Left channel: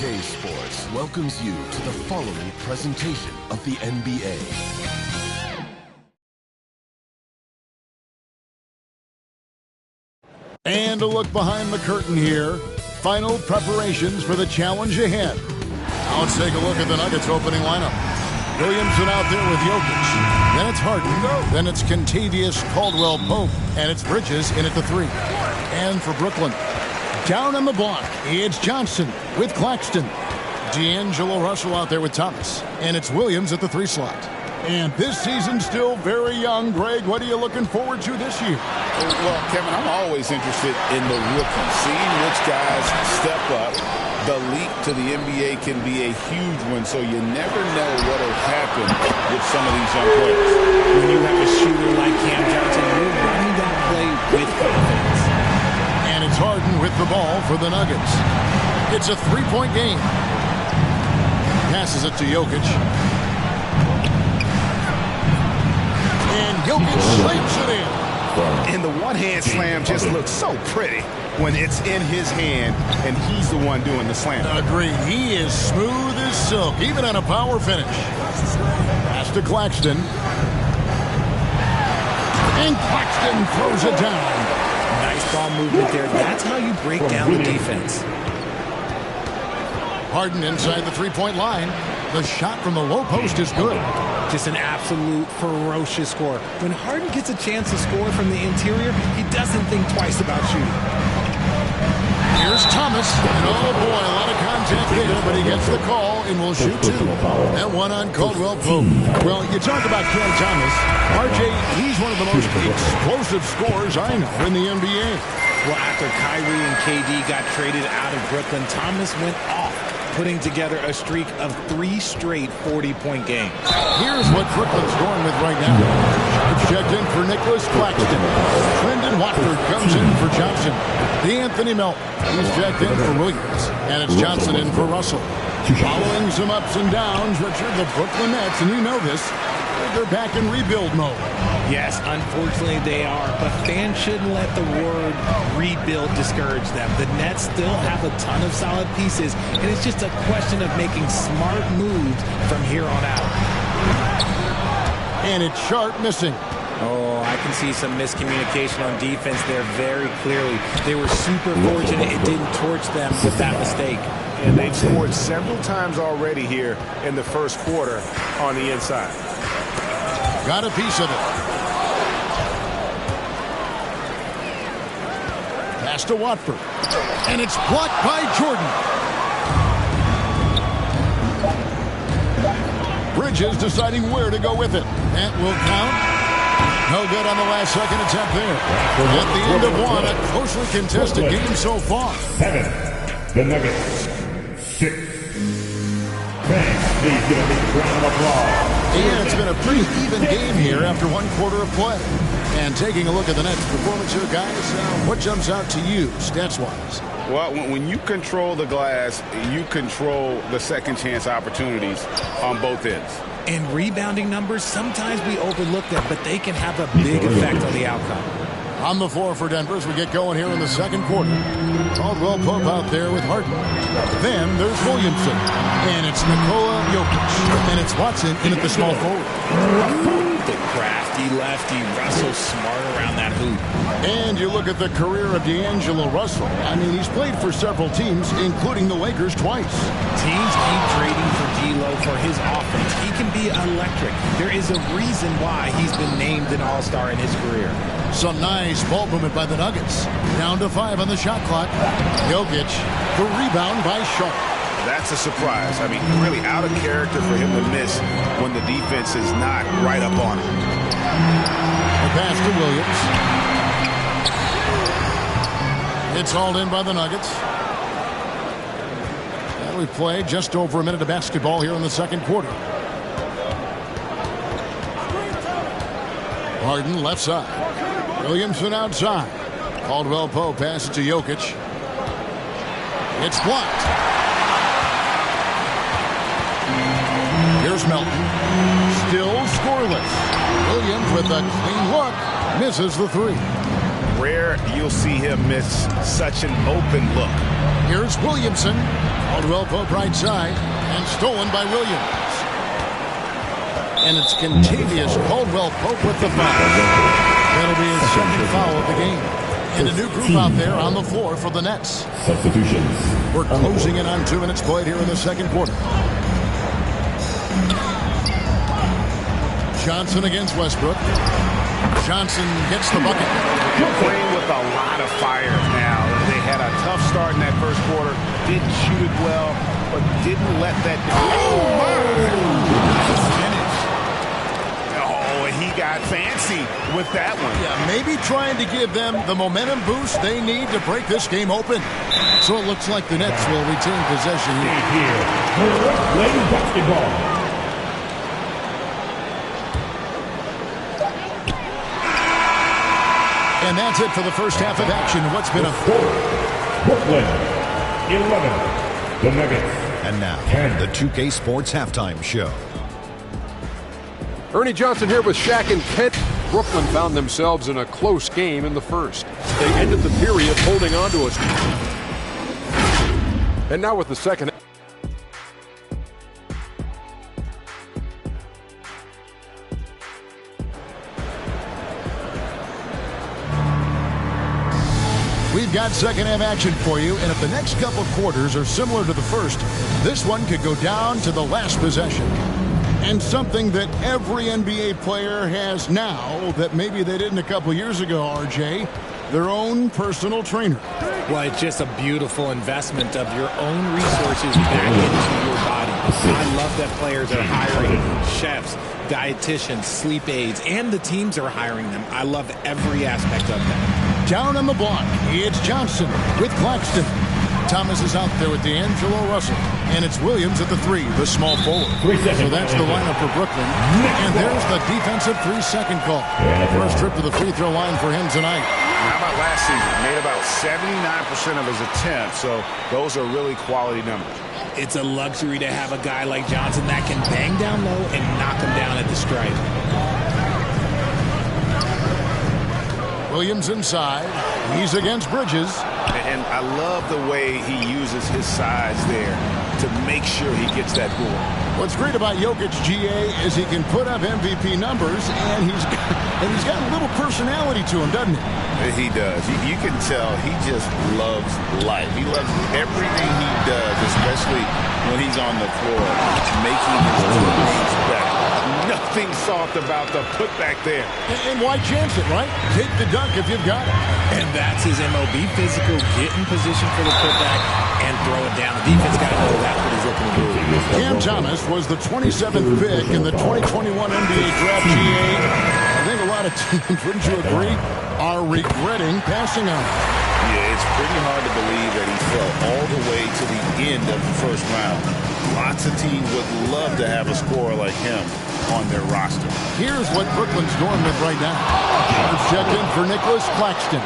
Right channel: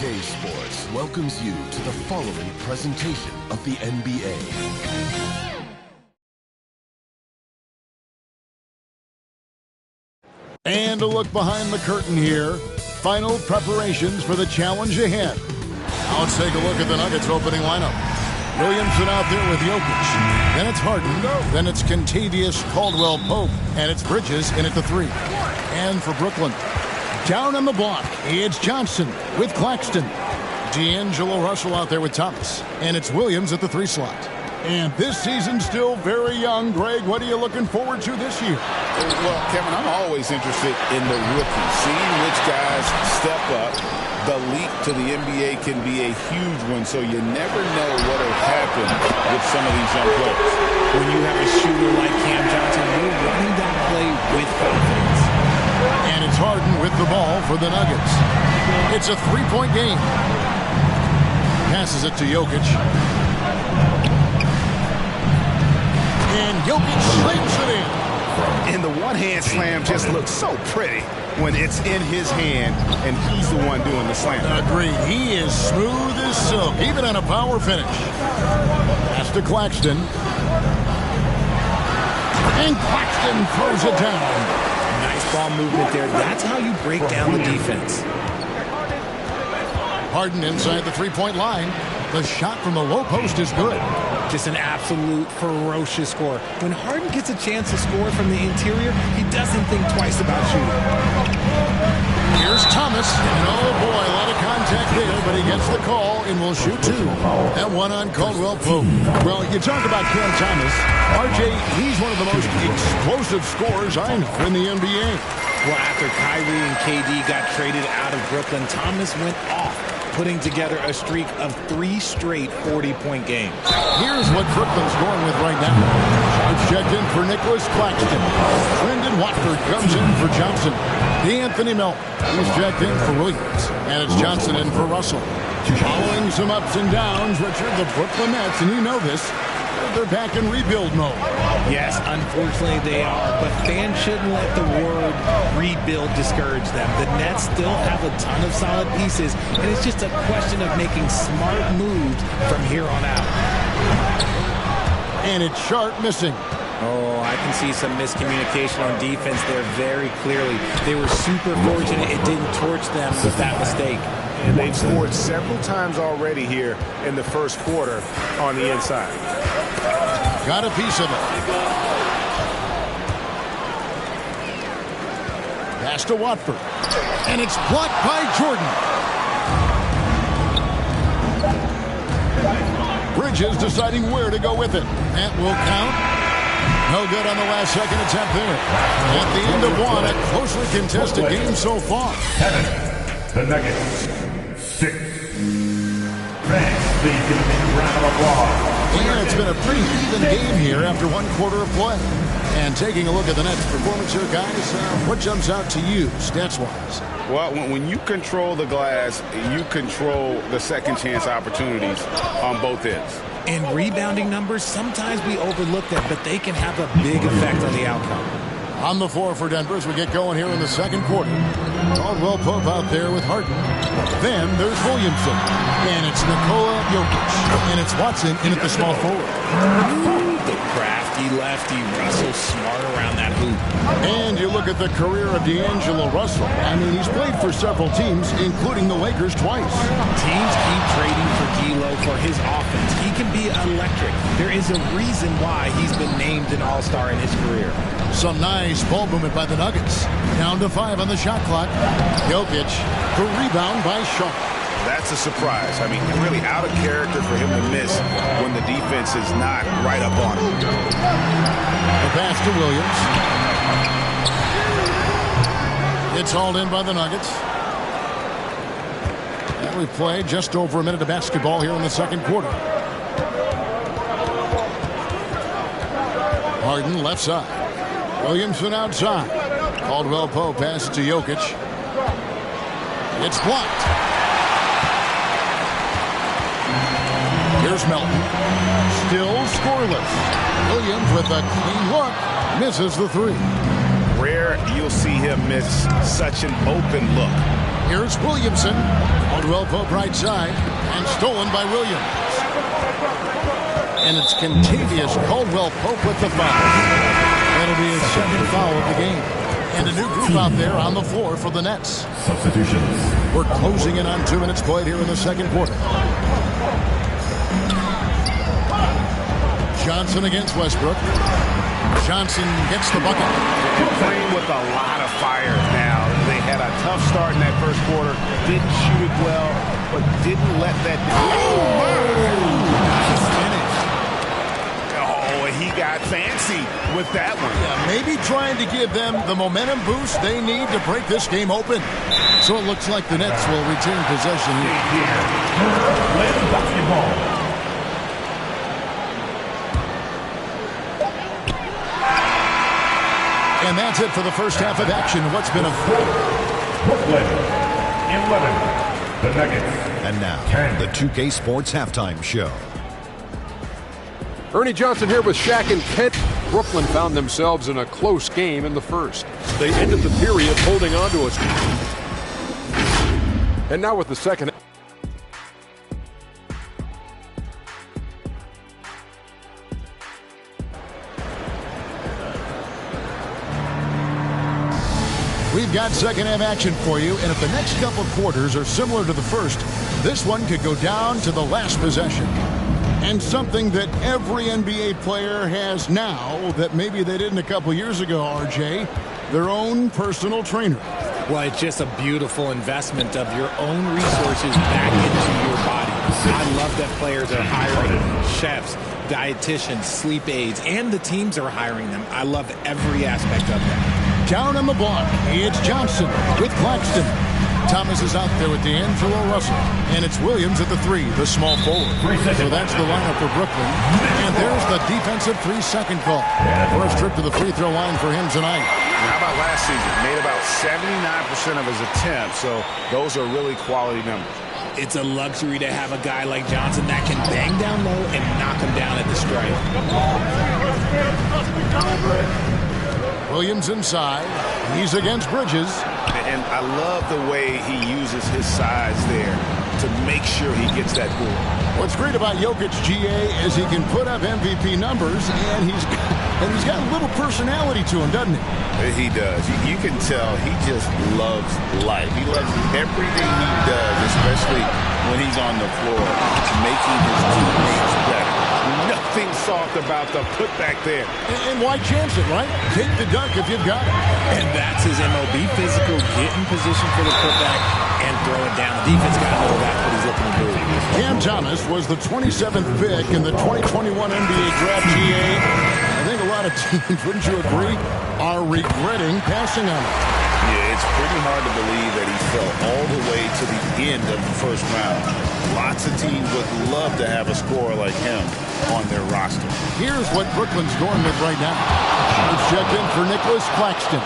2K Sports welcomes you to the following presentation of the NBA. And a look behind the curtain here. Final preparations for the challenge ahead. Now let's take a look at the Nuggets opening lineup. Williamson out there with Jokic. Then it's Harden. Then it's Kentavious Caldwell-Pope. And it's Bridges in at the 3. And for Brooklyn, down on the block, it's Johnson with Claxton. D'Angelo Russell out there with Thomas. And it's Williams at the 3 slot. And this season's still very young. Greg, what are you looking forward to this year? Well, Kevin, I'm always interested in the rookies, seeing which guys step up. The leap to the NBA can be a huge one, so you never know what will happen with some of these young players. When you have a shooter like Cam Johnson, you're running that play with confidence. And it's Harden with the ball for the Nuggets. It's a 3-point game. Passes it to Jokic. And Jokic slams it in. And the one-hand slam just looks so pretty when it's in his hand and he's the one doing the slam. Agreed. He is smooth as silk, even on a power finish. Pass to Claxton. And Claxton throws it down. Nice ball movement there. That's how you break down the defense. Harden inside the 3-point line. The shot from the low post is good. Just an absolute ferocious score. When Harden gets a chance to score from the interior, he doesn't think twice about shooting. Here's Thomas, and oh boy, a lot of contact there, but he gets the call and will shoot 2. And 1 on Caldwell-Pope. Well, you talk about Cam Thomas. RJ, he's one of the most explosive scorers I know in the NBA. Well, after Kyrie and KD got traded out of Brooklyn, Thomas went off, putting together a streak of 3 straight 40-point games. Here's what Brooklyn's going with right now. Shots checked in for Nicholas Claxton. Brendan Watford comes in for Johnson. D'Anthony Melton, he's checked in for Williams. And it's Johnson in for Russell. Following some ups and downs, Richard, the Brooklyn Nets, and you know this, they're back in rebuild mode. Yes, unfortunately they are, but fans shouldn't let the word rebuild discourage them. The Nets still have a ton of solid pieces, and it's just a question of making smart moves from here on out. And it's Sharp missing. Oh, I can see some miscommunication on defense there very clearly. They were super fortunate it didn't torch them with that mistake. And they've scored several times already here in the first quarter on the inside. Got a piece of it. Pass to Watford. And it's blocked by Jordan. Bridges deciding where to go with it. That will count. No good on the last second attempt there. At the end of 1, a closely contested game so far. 7. The Nuggets. 6. Thanks. Please give a big round of applause. And it's been a pretty even game here after 1 quarter of play. And taking a look at the Nets' performance here, guys, what jumps out to you, stats-wise? Well, when you control the glass, you control the second chance opportunities on both ends. And rebounding numbers, sometimes we overlook them, but they can have a big effect on the outcome. On the floor for Denver as we get going here in the second quarter. Caldwell-Pope out there with Harden. Then there's Williamson. And it's Nikola Jokic. And it's Watson in at the small forward. The crafty lefty, Russell smart around that hoop. And you look at the career of D'Angelo Russell. I mean, he's played for several teams, including the Lakers twice. Teams keep trading for D'Lo for his offense. He can be electric. There is a reason why he's been named an all-star in his career. Some nice ball movement by the Nuggets. Down to 5 on the shot clock. Jokic, the rebound by Sharp. That's a surprise. I mean, really out of character for him to miss when the defense is not right up on him. The pass to Williams. It's hauled in by the Nuggets. And we've played just over a minute of basketball here in the second quarter. Harden left side. Williamson outside. Caldwell-Pope passes to Jokic. It's blocked. Here's Melton. Still scoreless. Williams with a clean look. Misses the 3. Rare you'll see him miss such an open look. Here's Williamson. Caldwell Pope right side, and stolen by Williams. And it's Kentavious Caldwell Pope with the foul. That'll be his second foul of the game. And a new group out there on the floor for the Nets. Substitutions. We're closing in on 2 minutes played here in the second quarter. Johnson against Westbrook. Johnson gets the bucket. And playing with a lot of fire now. They had a tough start in that first quarter. Didn't shoot it well, but didn't let that... Oh, my! Nice finish. Oh, he got fancy with that one. Yeah, maybe trying to give them the momentum boost they need to break this game open. So it looks like the Nets will retain possession here. Playing basketball. And that's it for the first half of action. What's been a... Brooklyn, 11. The Nuggets. And now, 10. the 2K Sports Halftime Show. Ernie Johnson here with Shaq and Kent. Brooklyn found themselves in a close game in the first. They ended the period holding on to us. And now with the second. We've got second half action for you, and if the next couple quarters are similar to the first, this one could go down to the last possession. And something that every NBA player has now that maybe they didn't a couple years ago, RJ, their own personal trainer. Well, it's just a beautiful investment of your own resources back into your body. I love that players are hiring chefs, dietitians, sleep aides, and the teams are hiring them. I love every aspect of that. Down on the block, it's Johnson with Claxton. Thomas is out there with D'Angelo Russell. And it's Williams at the 3, the small forward. So that's the lineup for Brooklyn. And there's the defensive 3-second call. First trip to the free throw line for him tonight. How about last season? Made about 79% of his attempts, so those are really quality numbers. It's a luxury to have a guy like Johnson that can bang down low and knock him down at the stripe. Williams inside. He's against Bridges. And I love the way he uses his size there to make sure he gets that board. What's great about Jokic, GA, is he can put up MVP numbers, and he's got a little personality to him, doesn't he? He does. You can tell he just loves life. He loves everything he does, especially when he's on the floor, making his teammates better. Nothing soft about the putback there. And why chance it, right? Take the dunk if you've got it. And that's his MO. Be physical, get in position for the putback, and throw it down. The defense got to know that's what he's looking to do. Cam Thomas was the 27th pick in the 2021 NBA Draft, GA. I think a lot of teams, wouldn't you agree, are regretting passing on him. Yeah, it's pretty hard to believe that he fell all the way to the end of the first round. Lots of teams would love to have a scorer like him on their roster. Here's what Brooklyn's going with right now. It's checked in for Nicholas Claxton.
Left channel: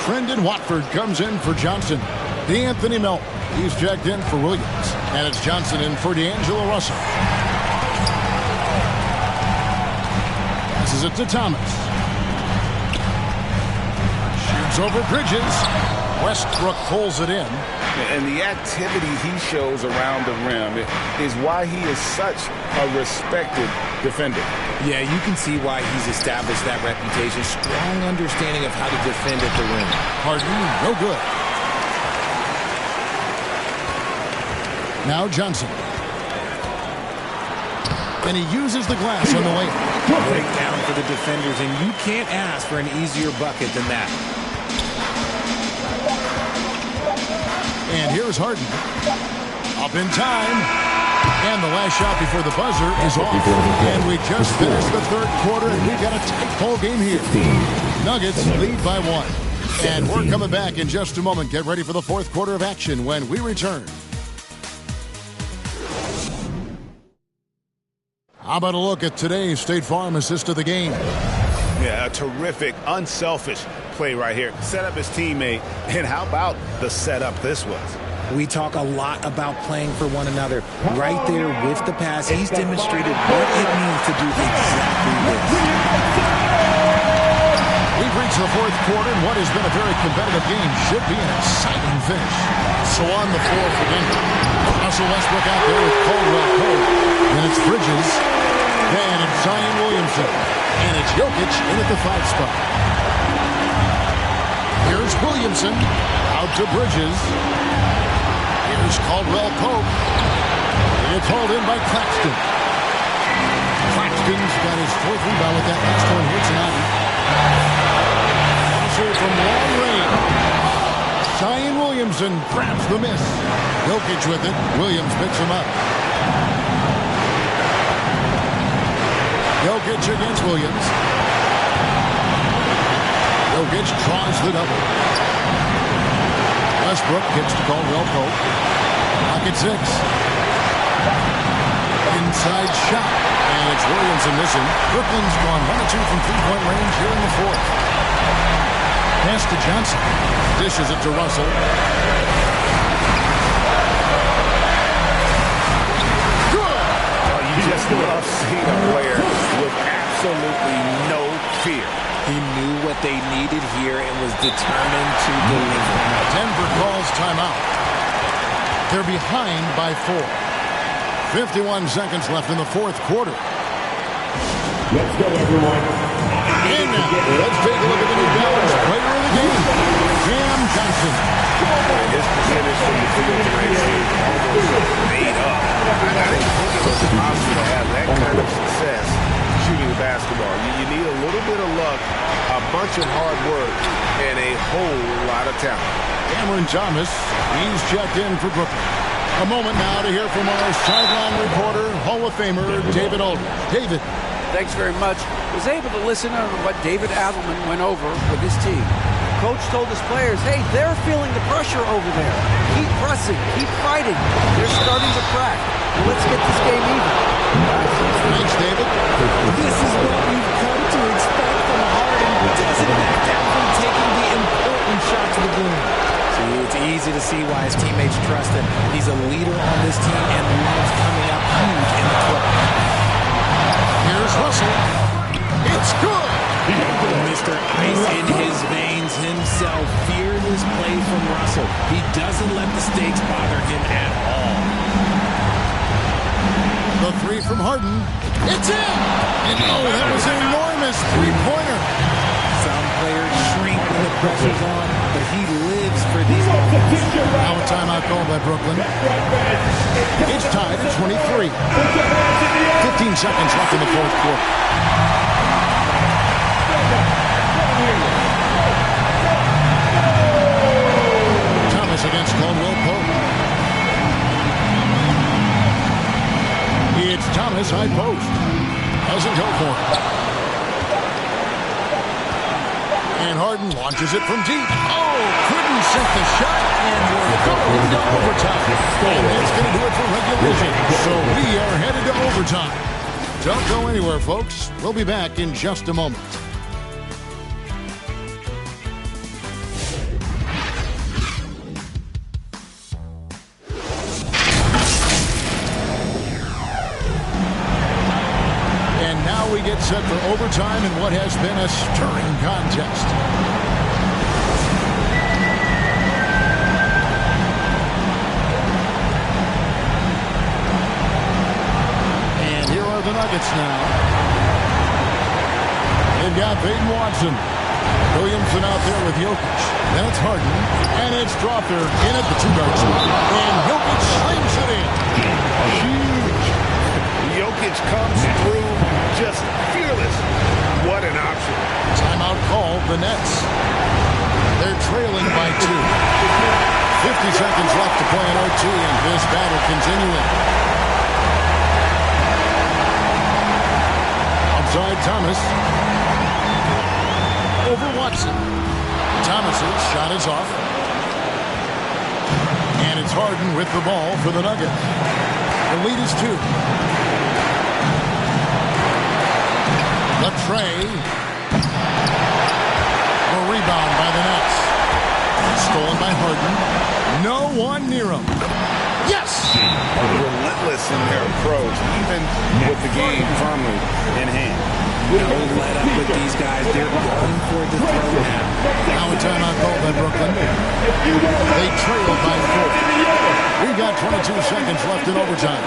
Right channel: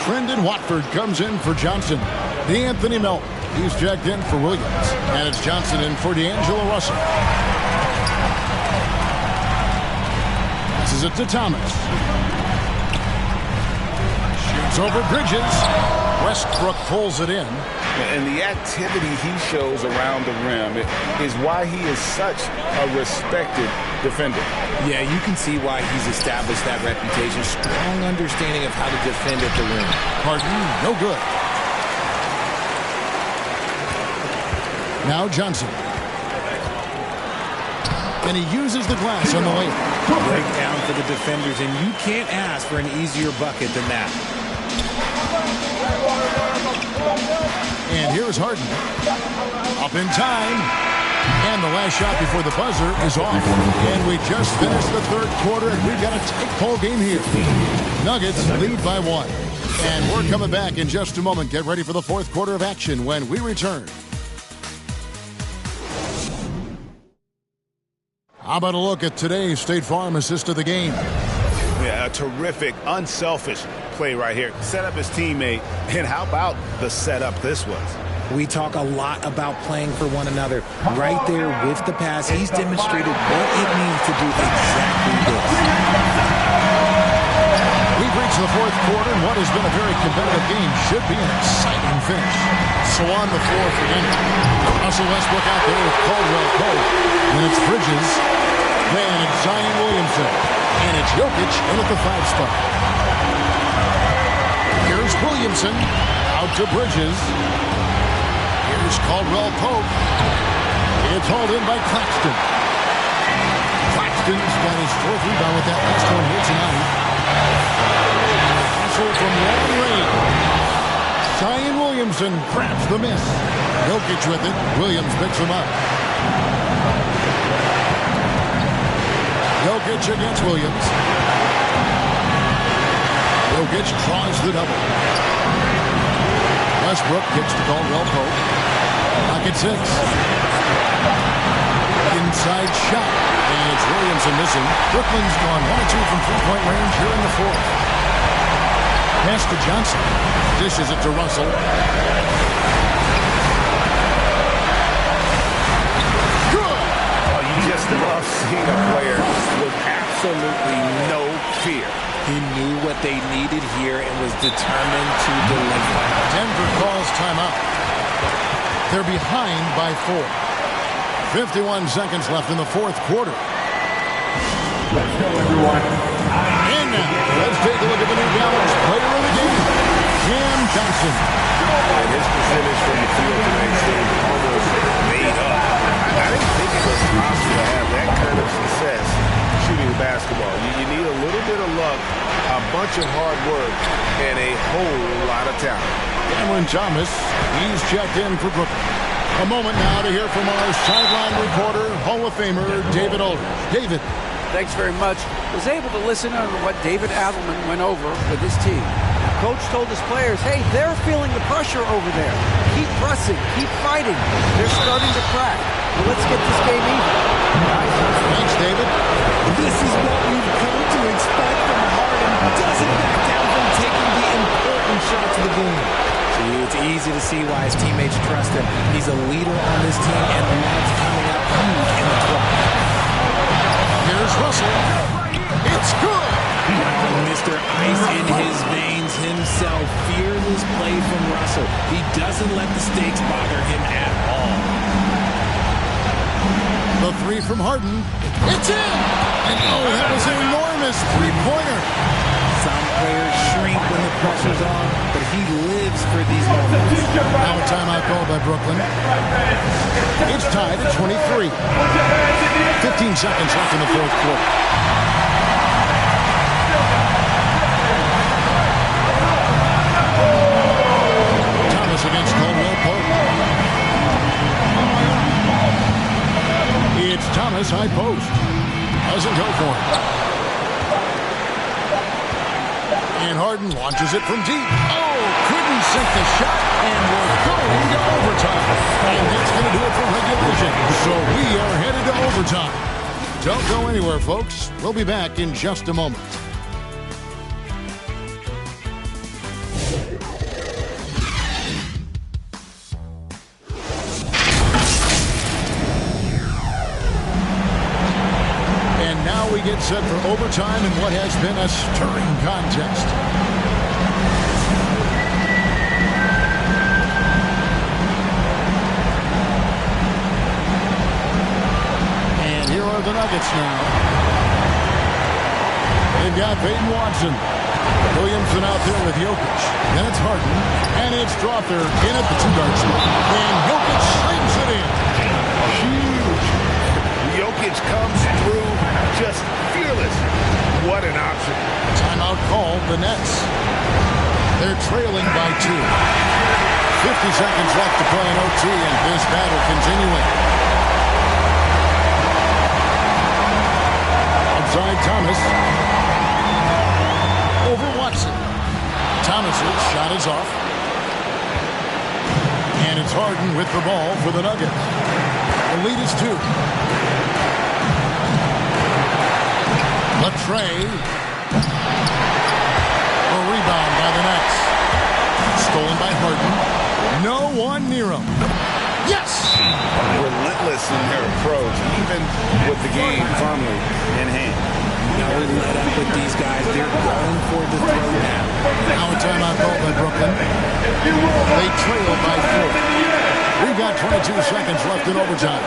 Trendon Watford comes in for Johnson. D'Anthony Melton, he's checked in for Williams. And it's Johnson in for D'Angelo Russell. Passes it to Thomas. Shoots over Bridges. Westbrook pulls it in. And the activity he shows around the rim is why he is such a respected defender. Yeah, you can see why he's established that reputation. Strong understanding of how to defend at the rim. Harden, no good. Now Johnson. And he uses the glass on the layup. Breakdown for the defenders, and you can't ask for an easier bucket than that. And here's Harden. Up in time. And the last shot before the buzzer is off. And we just finished the third quarter, and we've got a tight ball game here. Nuggets lead by 1. And we're coming back in just a moment. Get ready for the fourth quarter of action when we return. How about a look at today's State Farm assist of the game? Yeah, a terrific, unselfish play right here. Set up his teammate, and how about the setup this was? We talk a lot about playing for one another. Right there with the pass, he's demonstrated what it means to do exactly this. We've reached the fourth quarter, and what has been a very competitive game should be an exciting finish. So on the floor for Denver, Russell Westbrook out there with Caldwell Pope. Then it's Bridges. Then it's Zion Williamson. And it's Jokic in at the 5 spot. Here's Williamson out to Bridges. Here's Caldwell Pope. It's hauled in by Claxton. Claxton's got his 4th rebound with that last one here tonight. Russell from long range. Zion Williamson grabs the miss. Jokic with it. Williams picks him up. Jokic against Williams. Jokic draws the double. Westbrook kicks to Caldwell Pope. Pocket 6. Inside shot. And it's Williamson missing. Brooklyn's gone 1 of 2 from 3-point range here in the 4th. Pass to Johnson. Dishes it to Russell. Good! Oh, you just love seeing a player with absolutely no fear. He knew what they needed here and was determined to deliver. Denver calls timeout. They're behind by 4. 51 seconds left in the 4th quarter. Let's go, everyone. And now, let's take a look at the New Balance player of the game, Cam Johnson. And his percentage from the field tonight seemed almost made up. I didn't think it was possible to have that kind of success shooting a basketball. You need a little bit of luck, a bunch of hard work, and a whole lot of talent. Cameron Thomas, he's checked in for Brooklyn. A moment now to hear from our sideline reporter, Hall of Famer David Aldridge. David. Thanks very much. Was able to listen to what David Adelman went over with his team. Coach told his players, hey, they're feeling the pressure over there. Keep pressing, keep fighting. They're starting to crack. Now let's get this game even. Thanks, David. This is what we've come to expect from Harden. Doesn't back down from taking the important shots of the game. See, it's easy to see why his teammates trust him. He's a leader on this team and loves coming up huge in the 12th. Here's Russell. It's good. Mr. Ice in his veins himself. Fearless play from Russell. He doesn't let the stakes bother him at all. The 3 from Harden. It's in. And oh, that was an enormous 3-pointer. Some players shrink when the pressure's on, but he lives for these moments. Now a timeout called by Brooklyn. It's tied at 23. 15 seconds left in the 4th quarter. Thomas against Caldwell Pope. It's Thomas high post. Doesn't go for him. And Harden launches it from deep. Oh, couldn't sink the shot, and we're going to overtime. And that's going to do it for regulation. So we are headed to overtime. Don't go anywhere, folks. We'll be back in just a moment. And now we get set for overtime in what has been a stirring contest. And here are the Nuggets now. They've got Peyton Watson. Williamson out there with Jokic. Then it's Harden. And it's Strawther in at the 2-guard spot. And Jokic slings it in. Huge. Jokic comes through just fearless. What an option. Timeout call, the Nets. They're trailing by 2. 50 seconds left to play in OT, and this battle continuing. Outside Thomas. Over Watson. Thomas's shot is off. And it's Harden with the ball for the Nuggets. The lead is 2. Latrey. A rebound by the Nets. Stolen by Harden. No one near him. Yes! Relentless in their approach, even with the game firmly in hand. No let up with these guys. They're going for the throw now. Now a timeout called by Brooklyn. They trail by 4. We've got 22 seconds left in overtime.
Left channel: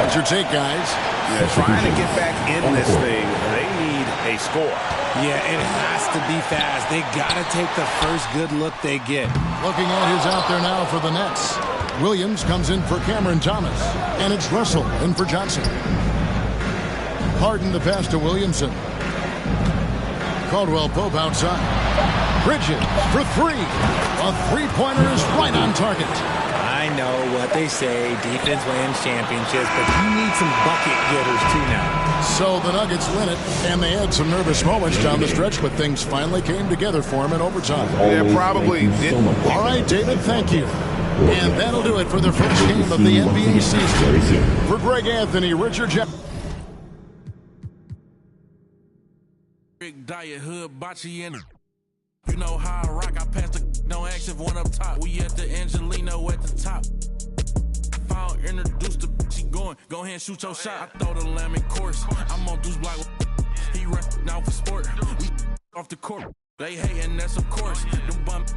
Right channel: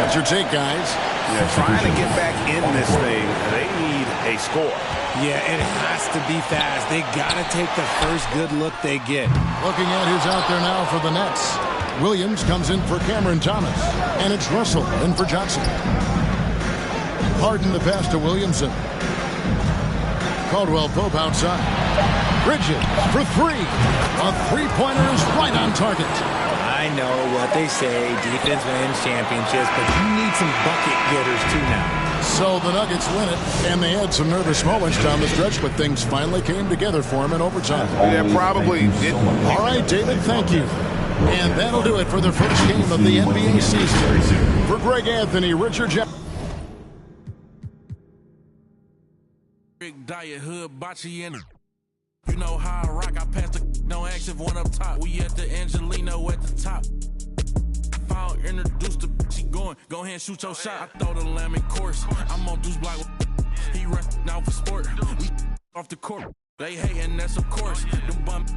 What's your take, guys? Yeah, trying to get back in this thing, they need a score. Yeah, it has to be fast. They got to take the first good look they get. Looking at who's out there now for the Nets. Williams comes in for Cameron Thomas. And it's Russell in for Johnson. Harden the pass to Williamson. Caldwell Pope outside. Bridges for 3. A three-pointer is right on target. I know what they say, defense wins championships, but you need some bucket getters too now. So the Nuggets win it, and they had some nervous moments down the stretch, but things finally came together for them in overtime. Yeah, probably did. All right, David, thank you. And that'll do it for the first game of the NBA season. For Greg Anthony, Richard Jackson. Diet hood, bocce in it. You know how I rock, I pass the no action, one up top. We at the Angelino at the top. If I don't introduce the she going, go ahead and shoot your shot. I throw the lamb in course. I'm on Deuce Block. He run now for sport. We off the court. They hating, that's of course. Them bum